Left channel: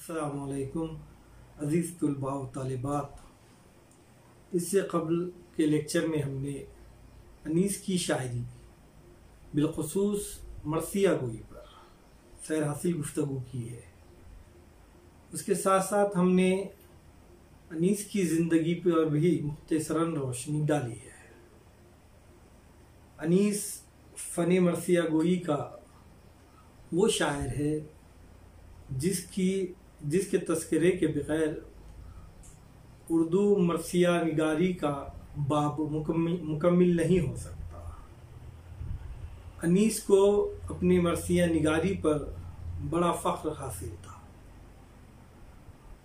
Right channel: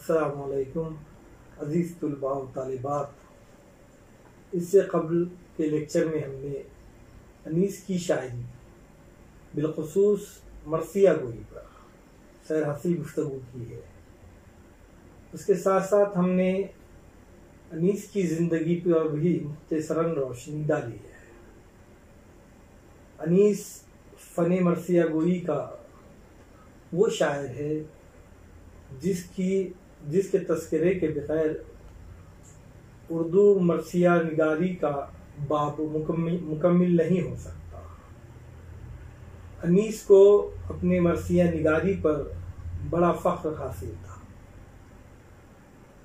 अस्सलामुअलैकुम अज़ीज़ तुलबा व तालिबात। इससे कबल के लेक्चर में हमने अनीस की शायरी बिलखुसूस मरसिया गोई पर सैर हासिल गुफ्तगू की है। उसके साथ साथ हमने अनीस की ज़िंदगी पर भी मुख्तसरन रोशनी डाली है। अनीस फ़न मरसिया गोई का वो शायर है जिसके तस्करे के बगैर उर्दू मरसिया निगारी का बाब मुकम्मिल नहीं हो सकता। अनीस को अपने मरसिया निगारी पर बड़ा फ़ख्र हासिल था।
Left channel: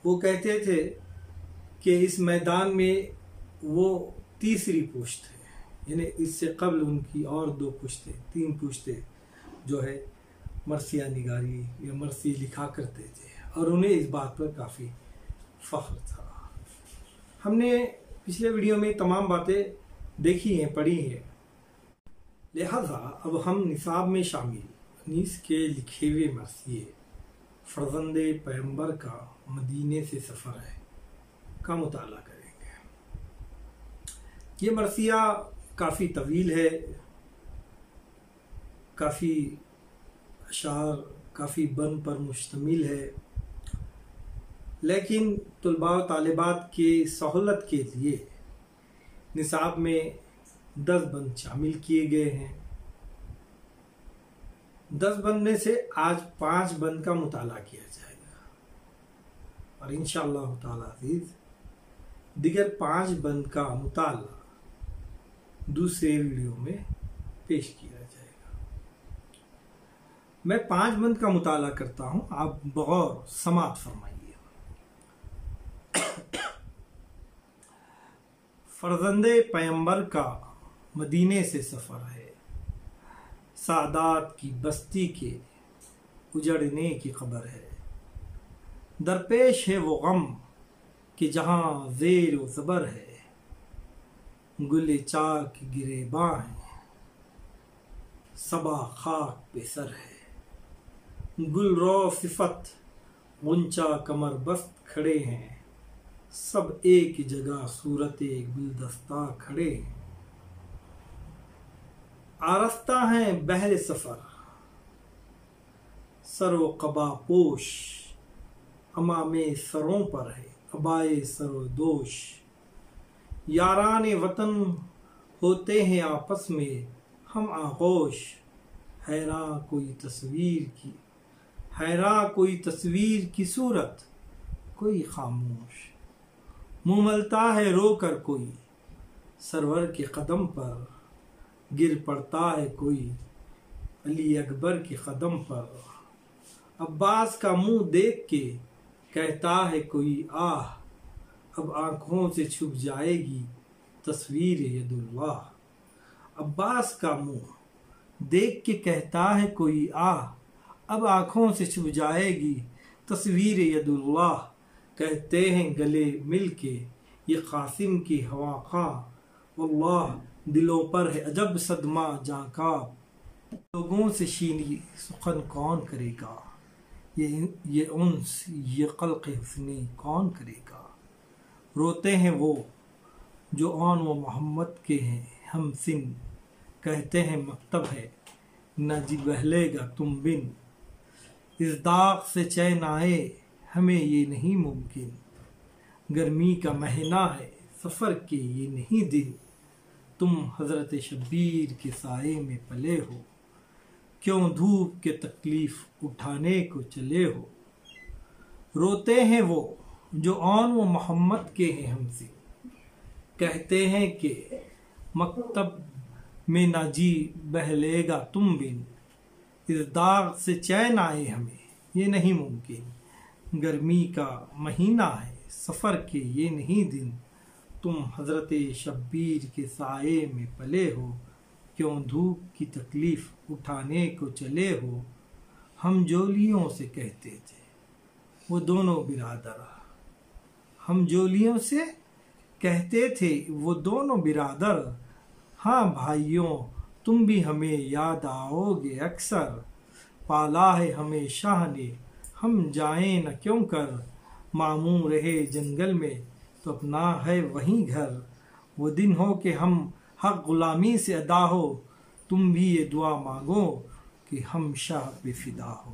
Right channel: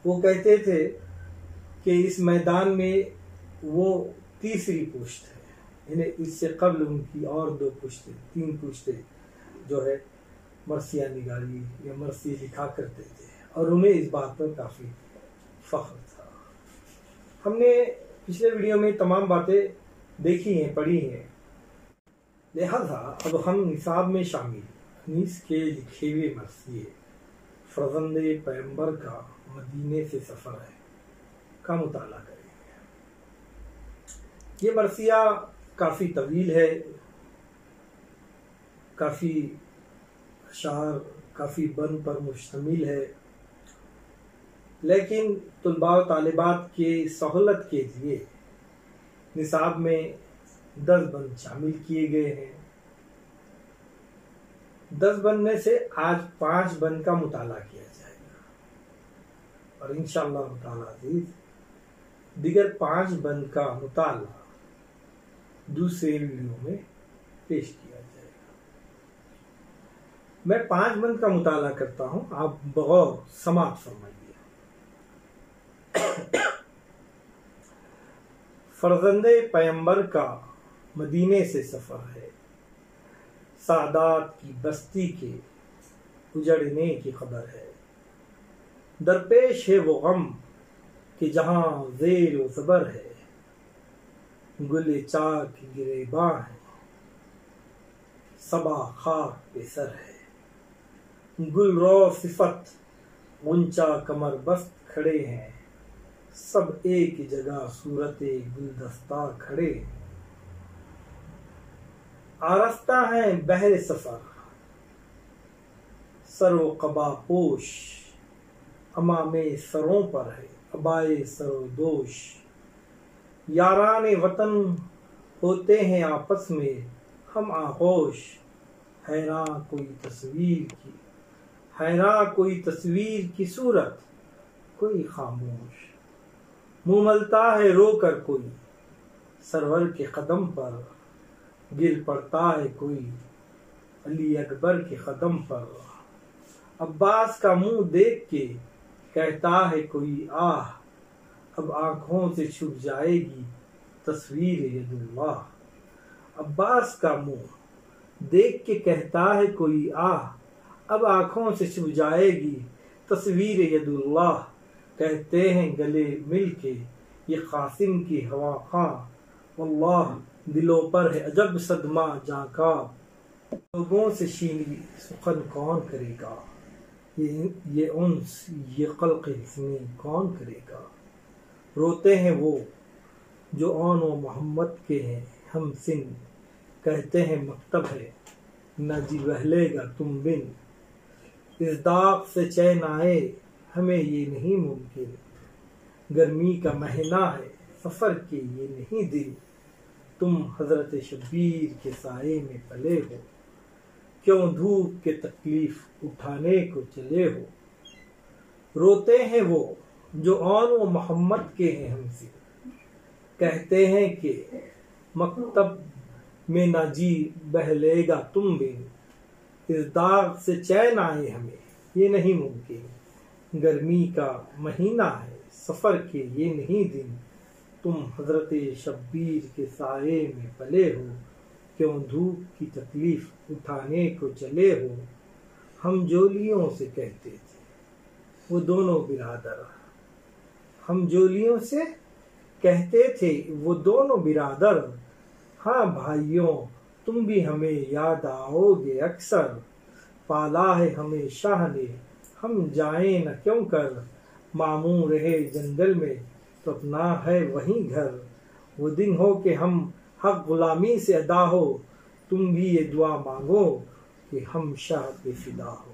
वो कहते थे कि इस मैदान में वो तीसरी पुश्त है, यानी इससे कबल उनकी और दो पुश्तें, तीन पुश्तें जो है मरसिया निगारी या मरसी लिखा करते थे और उन्हें इस बात पर काफ़ी फ़ख्र था। हमने पिछले वीडियो में तमाम बातें देखी हैं, पढ़ी हैं, लिहाजा अब हम निसाब में शामिल अनीस के लिखे हुए मरसिए फ़र्ज़ंदे पैगंबर का मदीने से सफ़र है का मुताला करेंगे। ये मरसिया काफ़ी तवील है, काफ़ी अशार, काफ़ी बन पर मुश्तमिल है, लेकिन तुलबा व तालिबात के सहूलत के लिए निसाब में 10 बंद शामिल किए गए हैं। 10 बंद में से आज 5 बंद का मुताला किया जाएगा और इंशाअल्लाह ताला अज़ीज़ दिगर 5 बंद का मुताला दूसरे वीडियो में पेश किया जाएगा। मैं 5 बंद का मुताला करता हूं, आप बगौर समात फरमाइए। फर्जंदे पैगंबर का मदीने से सफ़र है, सादात की बस्ती के उजड़ने की खबर है। दरपेश है वो गम कि जहाँ ज़ेर व ज़बर है, गुले चाक गिरेबां है, सबा खाक पे सर है। गुलरो सिफत गुंचा कमर बस्त खड़े हैं, सब एक जगह सूरते गुलदस्ता खड़े हैं। आरस्ता हैं बहरे सफर सरो कबा पोश, अमामे सरों पर है अबाए सरो दोष। याराने वतन होते हैं आपस में हम आगोश, हैरान कोई तस्वीर की सूरत कोई खामोश। मुँह मलता है रो कर कोई सरवर के कदम पर, गिर पड़ता है कोई अली अकबर के कदम पर। अब्बास का मुंह देख के कहता है कोई आह, अब आंखों से छुप जाएगी तस्वीर यदुल्लाह। अब्बास का मुंह देख के कहता है कोई आह, अब आंखों से छुप जाएगी तस्वीर यदुल्लाह। कहते हैं गले मिल के ये कासिम की हवा खां, वल्लाह दिलों पर है अजब सदमा जाका। लोगों से शीनी सुखन कौन करेगा, ये उन्स ये क़ल्क़ हुस्नी कौन करेगा। रोते हैं वो जो आन व मोहम्मद के हैं हम सिन, कहते हैं मकतब है न जी बहलेगा तुम बिन। इस दाग से चैन आए हमें ये नहीं मुमकिन, गर्मी का महीना है सफ़र के ये नहीं दिन। तुम हज़रत शब्बीर के साए में पले हो, क्यों धूप के तकलीफ उठाने को चले हो। रोते हैं वो जो आन व मोहम्मद के हैं हमसे, कहते हैं कि मकतब में ना जी बहलेगा तुम बिन। इस दाग से चैन आए हमें ये नहीं मुमकिन, गर्मी का महीना है सफ़र के ये नहीं दिन। तुम हज़रत शब्बीर के साए में पले हो, क्यों धूप की तकलीफ़ उठाने को चले हो। हम जोलियों से कहते थे वो दोनों बिरादर, हम जोलियों से कहते थे वो दोनों बिरादर। हाँ भाइयों तुम भी हमें याद आओगे अक्सर, पाला है हमें शाह ने हम जाएं न क्यों कर, मामू रहे जंगल में तो अपना है वहीं घर। वो दिन हो कि हम हक गुलामी से अदा हो, तुम भी ये दुआ मांगो कि हम शाह पे फिदा हो।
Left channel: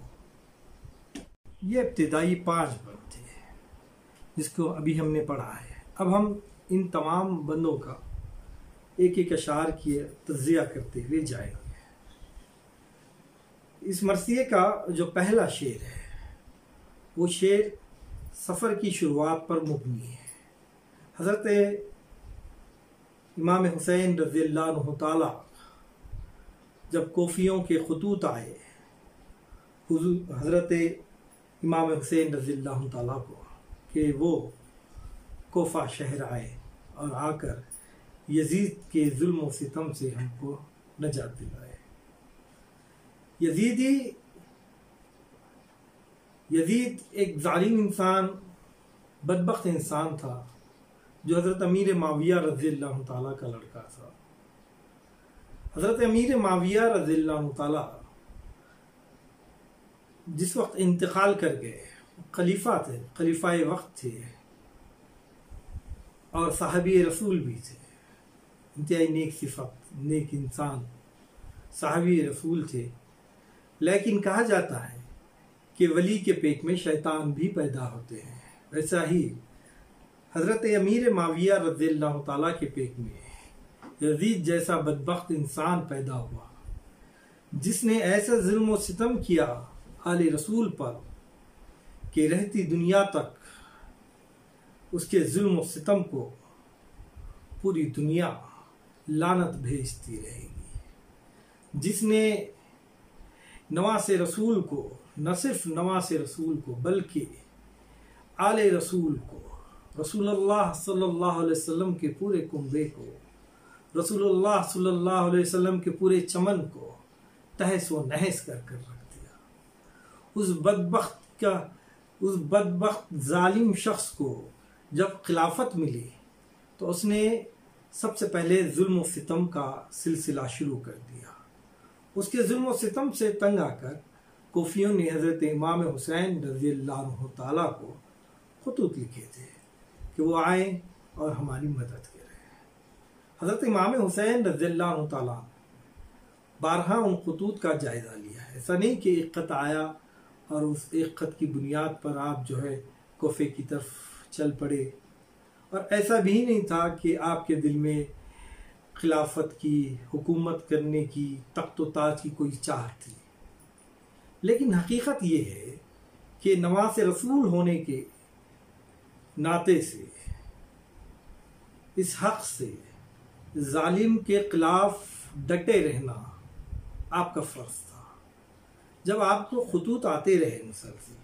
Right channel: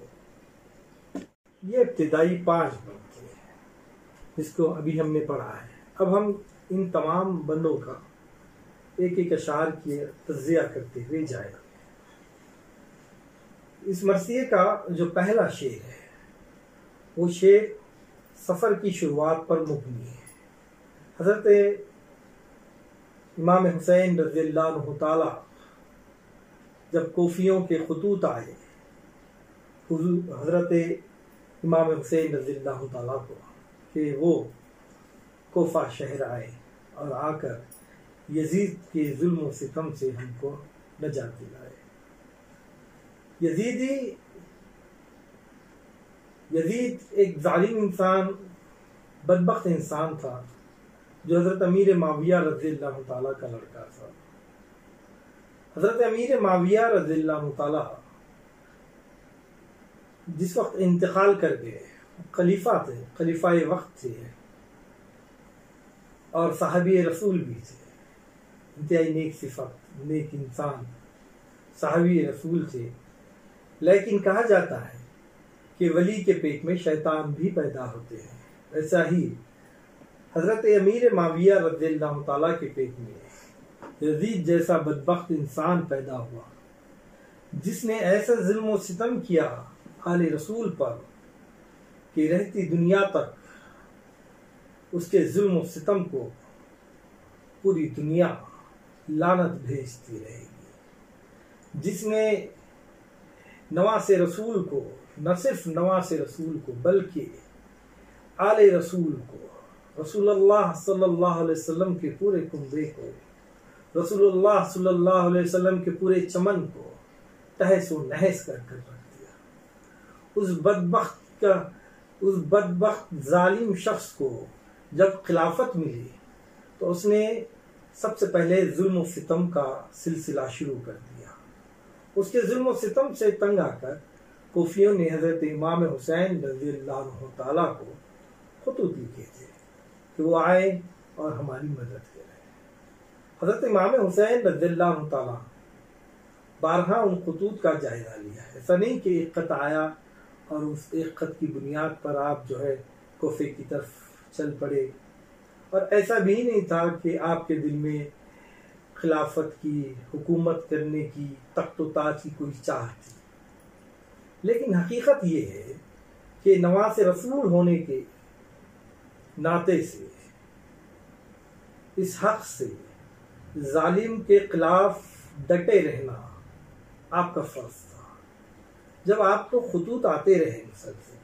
ये इब्तिदाई 5 बंद थे जिसको अभी हमने पढ़ा है। अब हम इन तमाम बंदों का एक एक अशार की तज़िया करते हुए जाएंगे। इस मरसिए का जो पहला शेर है वो शेर सफ़र की शुरुआत पर मुबनी है। हज़रत इमाम हुसैन रज़ियल्लाहु ताला जब कोफियों के खतूत आए हज़रत इमाम हुसैन रज़ियल्लाहु ताला को कि वो कोफा शहर आए और आकर यजीद के जुल्म और सितम से हमको नजात दिलाए। यजीद एक जालिम इंसान, बदबख्त इंसान था जो हज़रत अमीर माविया रज़ियल्लाहु ताला का लड़का था। हज़रत अमीर माविया रज़ियल्लाहु ताला जिस वक्त इंतकाल कर गए, खलीफा थे, खलीफा वक्त थे और साहबी रसूल भी थे, इंतहाई नेक सिफत, नेक इंसान, साहबी रसूल थे। लेकिन कहा जाता है कि वली के पेट में शैतान भी पैदा होते हैं। वैसा ही हज़रत अमीर माविया रज़ियल्लाहु ताला के पेट में यजीद जैसा बदबख्त इंसान पैदा हुआ जिसने ऐसा जुल्म व सितम किया आले रसूल पर कि रहती दुनिया तक उसके जुल्म व सितम को पूरी दुनिया लानत भेजती रहेगी। जिसने नवासे रसूल को, न सिर्फ नवासे रसूल को बल्कि आले रसूल को, रसूलुल्लाह सल्लल्लाहु अलैहि वसल्लम के पूरे कुंबे को, रसूलुल्लाह सल्लल्लाहु अलैहि वसल्लम के पूरे चमन को तहस व नहस कर रख दिया। उस बदबख्त जालिम शख्स को जब खिलाफत मिली तो उसने सबसे पहले जुल्म व सितम का सिलसिला शुरू कर दिया। उसके जुल्म व सितम से तंग आकर कोफियों ने हज़रत इमाम हुसैन रज़ियल्लाहु ताला को खतूत लिखे थे कि वो आए और हमारी मदद करें। हज़रत इमाम हुसैन रज़ियल्लाहु ताला बारहा उन खतूत का जायज़ा लिया है। ऐसा नहीं कि एक खत आया और उस एक खत की बुनियाद पर आप जो है कोफे की तरफ चल पड़े, और ऐसा भी नहीं था कि आपके दिल में खिलाफत की, हुकूमत करने की, तख्त व ताज की कोई चाह थी। लेकिन हकीकत ये है कि नवासे रसूल होने के नाते से इस हक से जालिम के खिलाफ डटे रहना आपका फर्ज था। जब आपको खतूत आते रहे मुसलसल,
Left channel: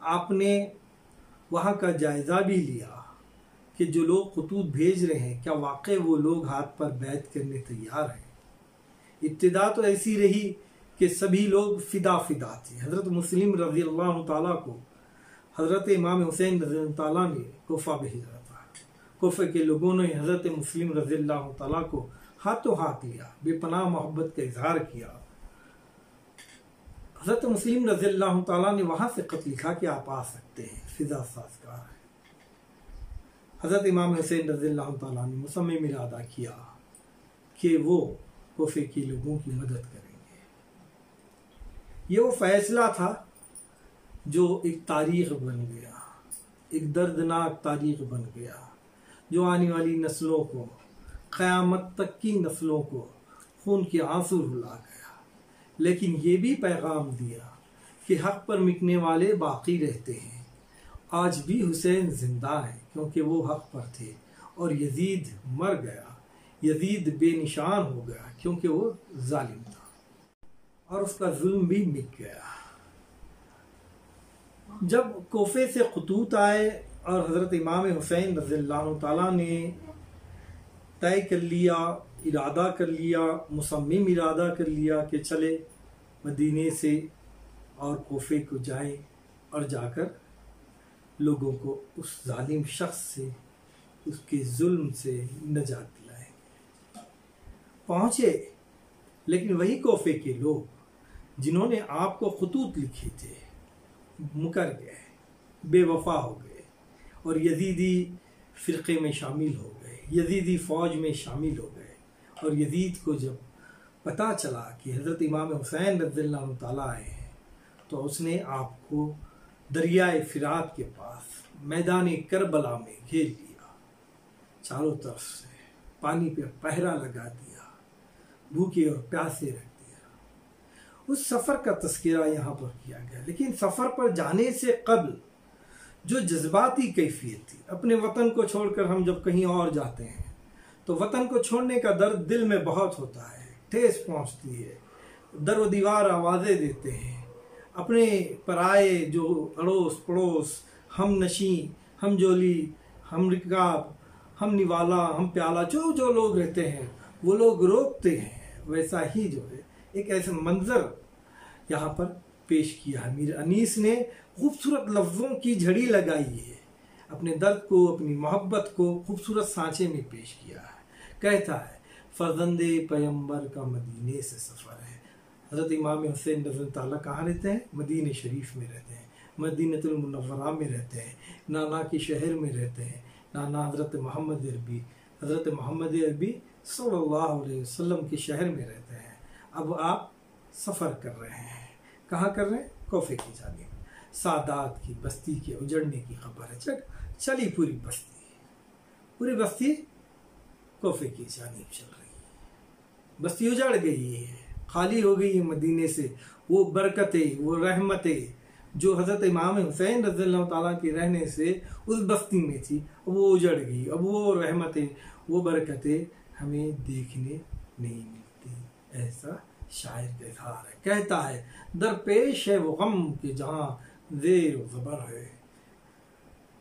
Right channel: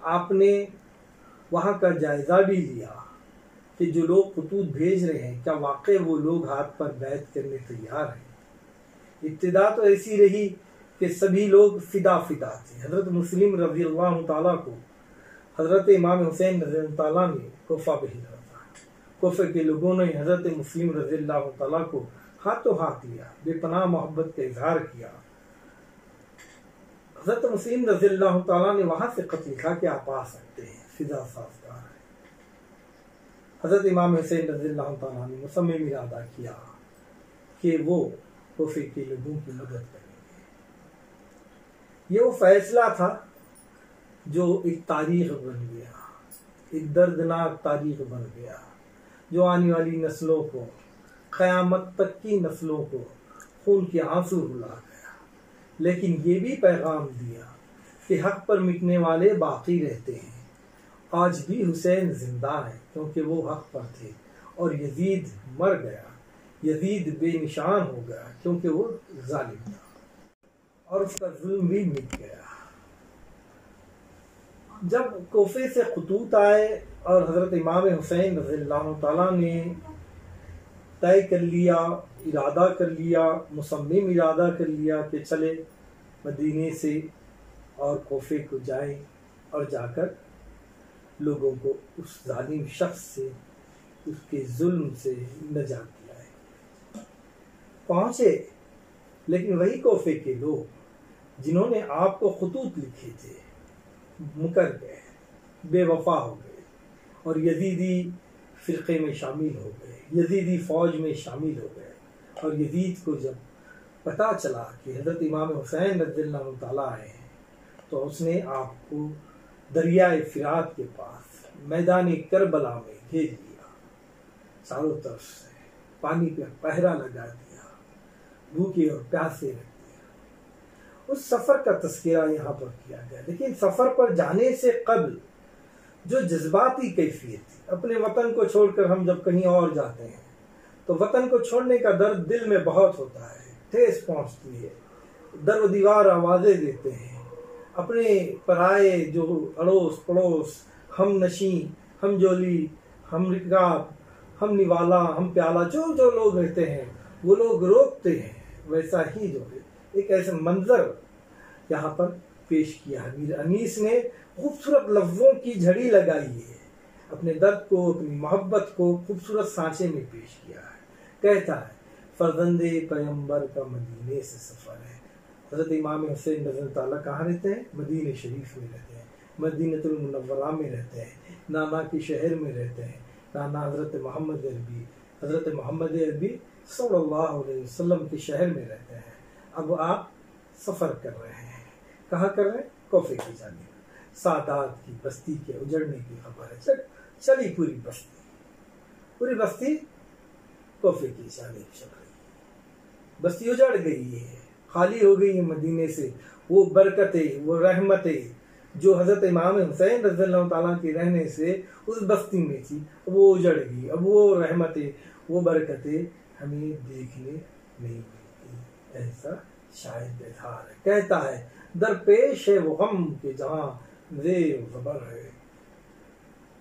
आपने वहाँ का जायज़ा भी लिया कि जो लोग खतूत भेज रहे हैं क्या वाकई वो लोग हाथ पर बैत करने तैयार हैं। इब्तिदा तो ऐसी रही कि सभी लोग फिदा थे। हज़रत मुस्लिम रज़ियल्लाहु ताला को हज़रत इमाम हुसैन रज़ियल्लाहु ताला ने कोफा भेजा था। कोफे के लोगों ने हज़रत मुस्लिम रज़ियल्लाहु ताला को हाथों हाथ लिया, बेपनाह मोहब्बत का इजहार किया। हज़रत मुस्लिम रज़ियल्लाहु ताला ने वहाँ से खत लिखा कि आप आ सकते हैं, फिजा साज़गार है। हज़रत इमाम हुसैन रज़ियल्लाहु ताला ने मुसम्मिम इरादा किया कि वो कोफे के लोगों की मदद करेंगे। ये वो फैसला था जो एक तारीख बन गया, एक दर्दनाक तारीख बन गया, जो आने वाली नस्लों को, क़यामत तक की नस्लों को खून के आंसू रुला गया। लेकिन ये भी पैगाम दिया कि हक पर मिटने वाले बाकी रहते हैं। आज भी हुसैन जिंदा है क्योंकि वो हक पर थे, और यजीद मर गया, यजीद बेनिशान हो गया क्योंकि वो जालिम था और उसका जुल्म भी मिट गया। जब कोफे से खतूत आए और हज़रत इमाम हुसैन रज़ियल्लाहु ताला ने तय कर लिया, इरादा कर लिया, मुसम्मिम इरादा कर लिया कि चले मदीने से और कोफे को जाएं और जाकर लोगों को उस जालिम शख्स से, उसके जुल्म से नजात दिलाएं। पहुँचे, लेकिन वही कोफे के लोग जिन्होंने आपको खतूत लिखे थे मुकर गए, बेवफा हो गए और यजीदी फ़िरक़े में शामिल हो गए, यजीदी फ़ौज में शामिल हो गए। और यजीद को जब पता चला कि हज़रत इमाम हुसैन रज़ियल्लाहु ताला आए हैं, तो उसने आपको दरियाए फ़िरात के पास मैदान करबला में घेर लिया, चारों तरफ से पानी पे पहरा लगा दिया, भूखे और प्यासे रख दिया। उस सफ़र का तज़किरा यहाँ पर किया गया। लेकिन सफ़र पर जाने से कबल जो जज्बाती कैफियत थी, अपने वतन को छोड़कर हम जब कहीं और जाते हैं तो वतन को छोड़ने का दर्द दिल में बहुत होता है, ठेस पहुँचती है, दर व दीवार आवाज़ें देते हैं। अपने पराए जो अड़ोस पड़ोस, हम नशी, हम जोली, हम रिकाब, हम निवाला, हम प्याला, जो जो लोग रहते हैं वो लोग रोकते हैं। वैसा ही जो है एक ऐसा मंजर यहाँ पर पेश किया है। मीर अनीस ने खूबसूरत लफ्ज़ों की झड़ी लगाई है, अपने दर्द को, अपनी मोहब्बत को खूबसूरत सांचे में पेश किया है। कहता है फर्जंदे पैगंबर का मदीने से सफ़र है। हज़रत इमाम हुसैन रज़ियल्लाहु ताला कहाँ रहते हैं? मदीने शरीफ में रहते हैं, मदीनतुल मुनव्वरा में रहते हैं, नाना के शहर में रहते हैं। नाना हज़रत मोहम्मद अरबी सल्लल्लाहु अलैहि वसल्लम के शहर में रहते हैं। अब आप सफ़र कर रहे हैं, कहाँ कर रहे हैं? कोफे की जानिब। सादात की बस्ती के उजड़ने की खबर है। चली पूरी बस्ती कोफे की जानिब चल रही है। बस्ती उजड़ गई है, खाली हो गई है मदीने से। वो बरकतें, वो रहमतें जो हज़रत इमाम हुसैन रज़ियल्लाहु ताला के रहने से उस बस्ती में थी, वो उजड़ गई। अब वो रहमतें, वो बरकतें हमें देखने नहीं मिलती। ऐसा शायर का इज़हार है। कहता है दरपेश है वो गम के जहाँ ज़ेर ज़बर है।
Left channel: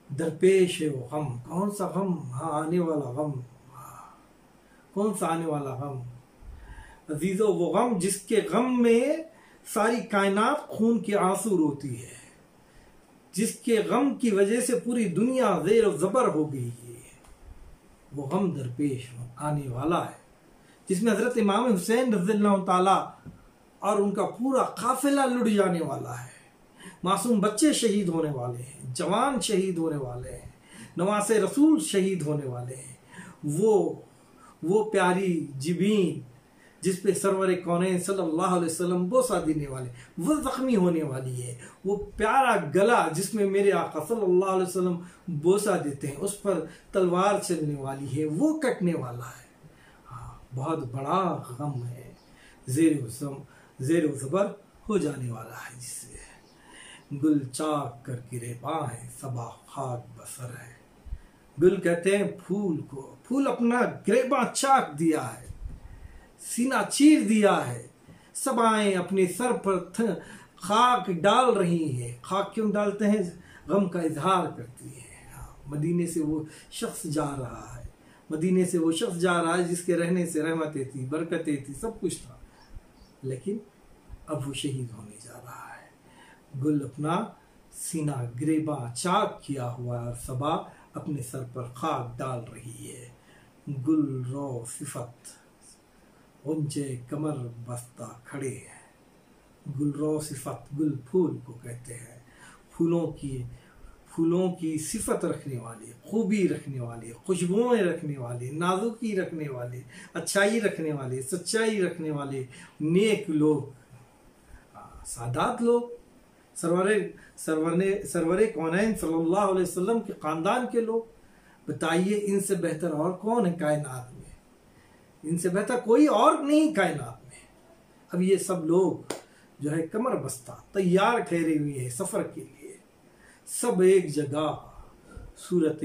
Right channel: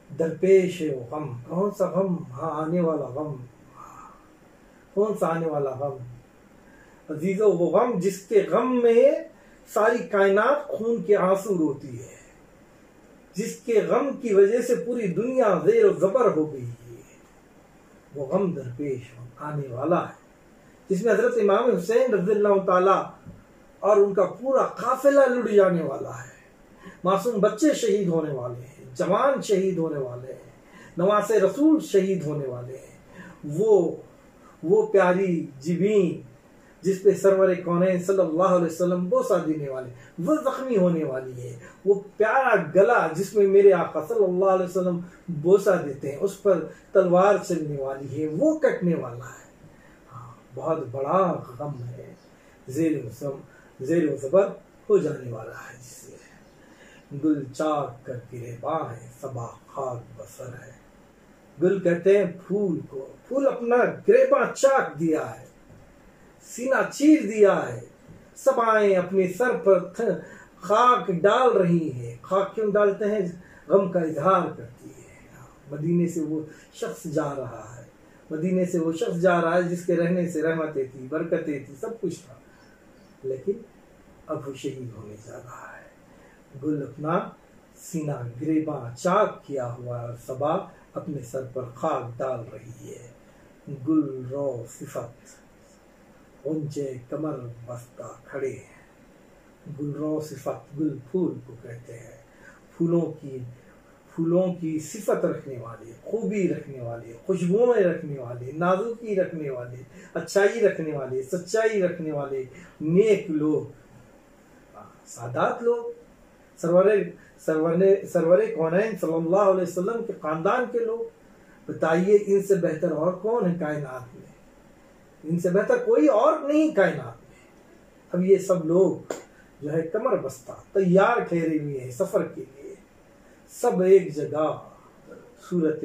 दरपेश है वो गम, कौन सा गम? हाँ, आने वाला गम। कौन सा आने वाला गम? अजीज़ो, वो गम जिसके गम में सारी कायनात खून के आंसू रोती है, जिसके गम की वजह से पूरी दुनिया ज़ेर ज़बर हो गई है। वो गम दरपेश आने वाला है, जिसमें हज़रत इमाम हुसैन रज़ियल्लाहु ताला और उनका पूरा काफिला लुट जाने वाला है। मासूम बच्चे शहीद होने वाले हैं, जवान शहीद होने वाले हैं, नवासे रसूल शहीद होने वाले हैं। वो प्यारी जिबीन जिस पे सरवर कौनैन सल्लल्लाहु अलैहि वसल्लम बोसा देने वाले, वो जख्मी होने वाली है। वो प्यारा गला जिसमें मेरे आका सल्लल्लाहु अलैहि वसल्लम बोसा देते हैं, उस पर तलवार चलने वाली है, वो कटने वाला है। हाँ, बहुत बड़ा गम है, ज़ेर ज़बर हो जाने वाला है, जिससे गुल चाक कर गिरे बाहें सबा खाक बसर है। गुल कहते हैं फूल को, फूल अपना गिरेबा चाक दिया है, सीना चीर दिया है। सबाएं अपने सर पर खाक डाल रही हैं। खाक क्यों डालते हैं? गम का इजहार करती है। मदीने से वो शख्स जा रहा है, मदीने से वो शख्स जा रहा है जिसके रहने से रहमतें थी, बरकतें थी, सब कुछ था, लेकिन अब वो शहीद होने जा रहा है। गुल अपना सीना गिरेबा चाक किया हुआ, सबा अपने सर पर खाक डाल रही है। गुल रो सिफत ऊंचे कमर बस्ता खड़े हैं। गुल रो सिफत, गुल फूल को कहते हैं, फूलों की सिफत रखने वाले, खूबी रखने वाले, खुशबुएं रखने वाले, नाजुकी रखने वाले, अच्छाई रखने वाले, सच्चाई रखने वाले नेक लोग, सादात लोग, सरवरे कौनैन सल्लल्लाहु अलैहि वसल्लम के खानदान के लोग। बताइए इनसे बेहतर और कौन है कायनात में? इनसे बेहतर कोई और नहीं कायनात में। अब ये सब लोग जो है कमर बस्ता तैयार ठहरे हुए हैं सफर के लिए। सब एक जगह सूरत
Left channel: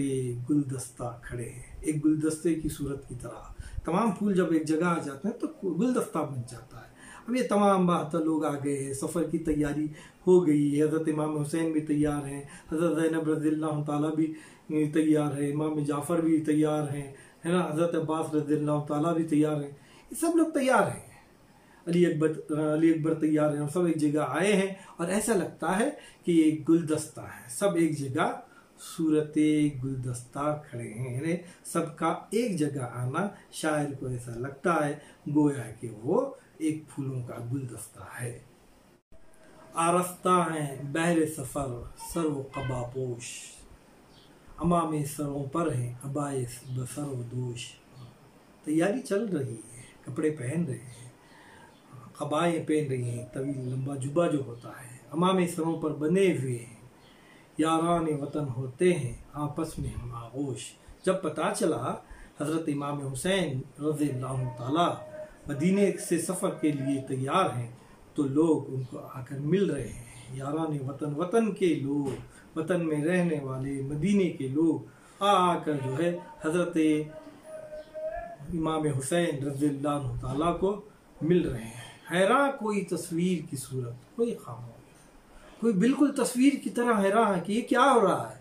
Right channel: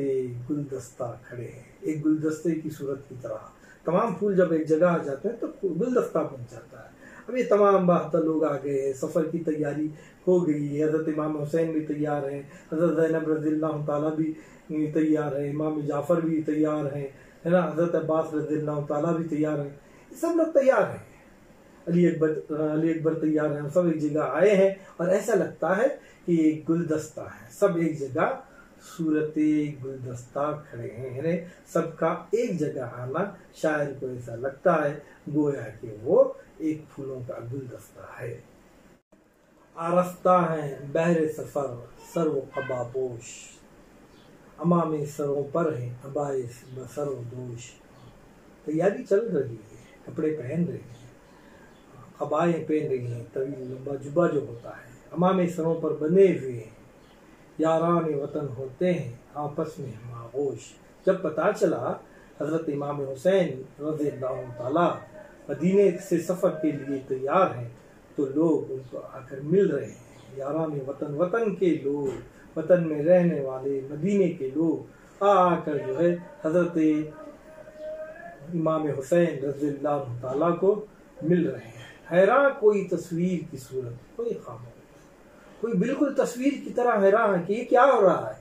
गुलदस्ता खड़े हैं, एक गुलदस्ते की सूरत की तरह। तमाम फूल जब एक जगह आ जाते हैं तो गुलदस्ता बन जाता है। अब ये तमाम 72 लोग आ गए हैं, सफ़र की तैयारी हो गई है। हज़रत इमाम हुसैन भी तैयार हैं, हज़रत ज़ैनब रज़ियल्लाहु ताला भी तैयार है, इमाम जाफ़र भी तैयार हैं, है ना, हज़रत अब्बास रज़ियल्लाहु ताला भी तैयार हैं। ये सब लोग तैयार हैं, अली अकबर तैयार हैं, सब एक जगह आए हैं और ऐसा लगता है कि एक गुलदस्ता है, सब एक जगह सूरत गुलदस्ता खड़े हैं। सबका एक जगह आना शायर को ऐसा लगता है गोया कि वो एक फूलों का गुलदस्ता है। आरफ्ता हैं बहरे सफ़र सर्व कबापोश, अमामे सरों पर है अबाए बसर व दोष। तैयारी चल रही है, कपड़े पहन रहे हैं, कबाएँ पहन रही हैं, तवील लंबा जुबा जो होता है, अमामे सरों पर बने हुए हैं, यारान वतन होते हैं आपस में हम आगोश। जब पता चला हज़रत इमाम हुसैन रज़ियल्लाहु ताला मदीने से सफ़र के लिए तैयार हैं, तो लोग उनको आकर मिल रहे हैं। यारान वतन, वतन के लोग, वतन में रहने वाले मदीने के लोग आकर जो है हज़रत इमाम हुसैन रज़ियल्लाहु ताला को मिल रहे हैं। हैरान कोई तस्वीर की सूरत, कोई खामोश, कोई बिल्कुल तस्वीर की तरह हैरान है कि ये क्या हो रहा है,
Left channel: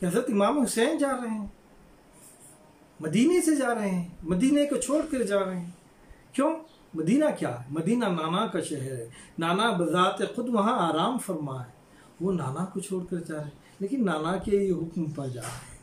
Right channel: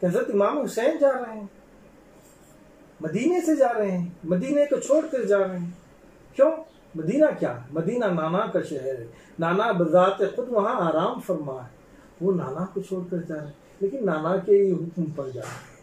कि हज़रत इमाम हुसैन जा रहे हैं, मदीने से जा रहे हैं, मदीने को छोड़ कर जा रहे हैं। क्यों? मदीना क्या है? मदीना नाना का शहर है, नाना बज़ात खुद वहाँ आराम फरमा है, वो नाना को छोड़ कर जा रहे हैं, लेकिन नाना के ही हुक्म पर जा रहे हैं,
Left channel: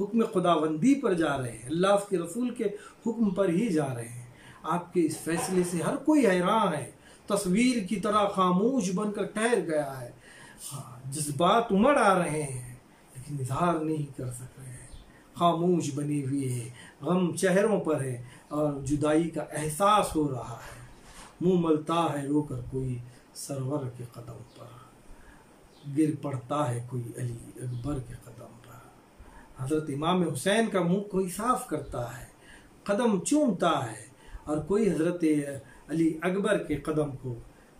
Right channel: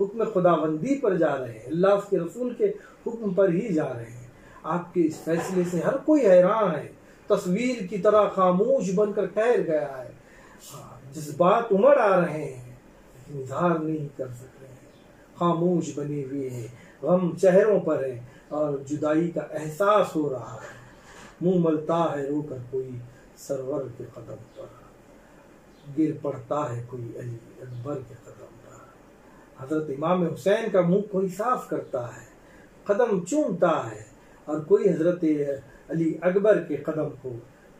हुक्म खुदाबंदी पर जा रहे हैं, अल्लाह के रसूल के हुक्म पर ही जा रहे हैं। आपके इस फैसले से हर कोई हैरान है, तस्वीर की तरह खामोश बनकर ठहर गया है। हाँ, जज्बात उमड़ आ रहे हैं लेकिन इजहार नहीं कर सक रहे हैं, खामोश बने हुए हैं, गम चेहरों पर है और जुदाई का एहसास हो रहा है। मुंह मलता है रोकर कोई सरवर के कदम पर, गिर पड़ता है कोई अली अकबर के कदम पर। हज़रत इमाम हुसैन का मुंह कोई साफ करता है, कदम चूमता है, और कोई हज़रत अली अकबर के कदम को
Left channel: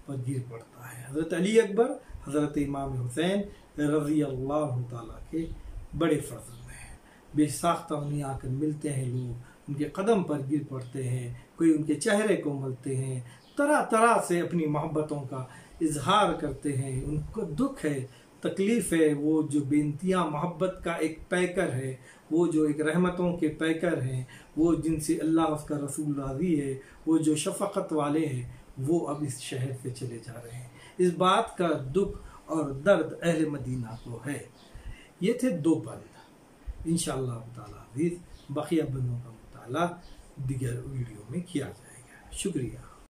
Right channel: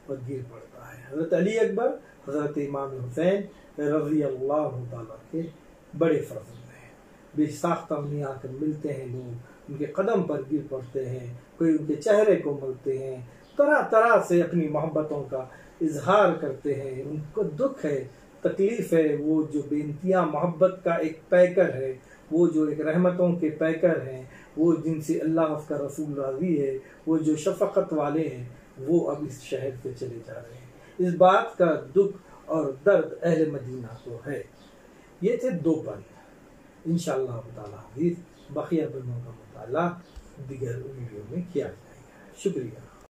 पर गिर पड़ता है। हज़रत अली अकबर हज़रत इमाम हुसैन रज़ियल्लाहु ताला के बड़े फर्जंद हैं। बेसाख्ता उन्हें आकर मिलते हैं लोग, उनके कदम पर गिर पड़ते हैं, कोई उनके चेहरे को मलते हैं, तरह तरह से अपनी मोहब्बतों का इजहार करते हैं। उनको दुख है, तकलीफ़ है, वो जो बेनतियाँ मोहब्बत का एक पैकर है, वो जो एक रहमतों के पैकर हैं, वो जिनसे अल्लाह उसका रसूल राज़ी है, वो जो शफ़क़त वाले हैं, वो अब इस शहर से चले जा रहे हैं। इस बात का दुख और दर्द अहले मदीना को है। ये थे दो बंद। इंशाअल्लाह ताला हदीस बक़िया बंदों का मुताला दीगर वीडियो में किया जाएगा। शुक्रिया।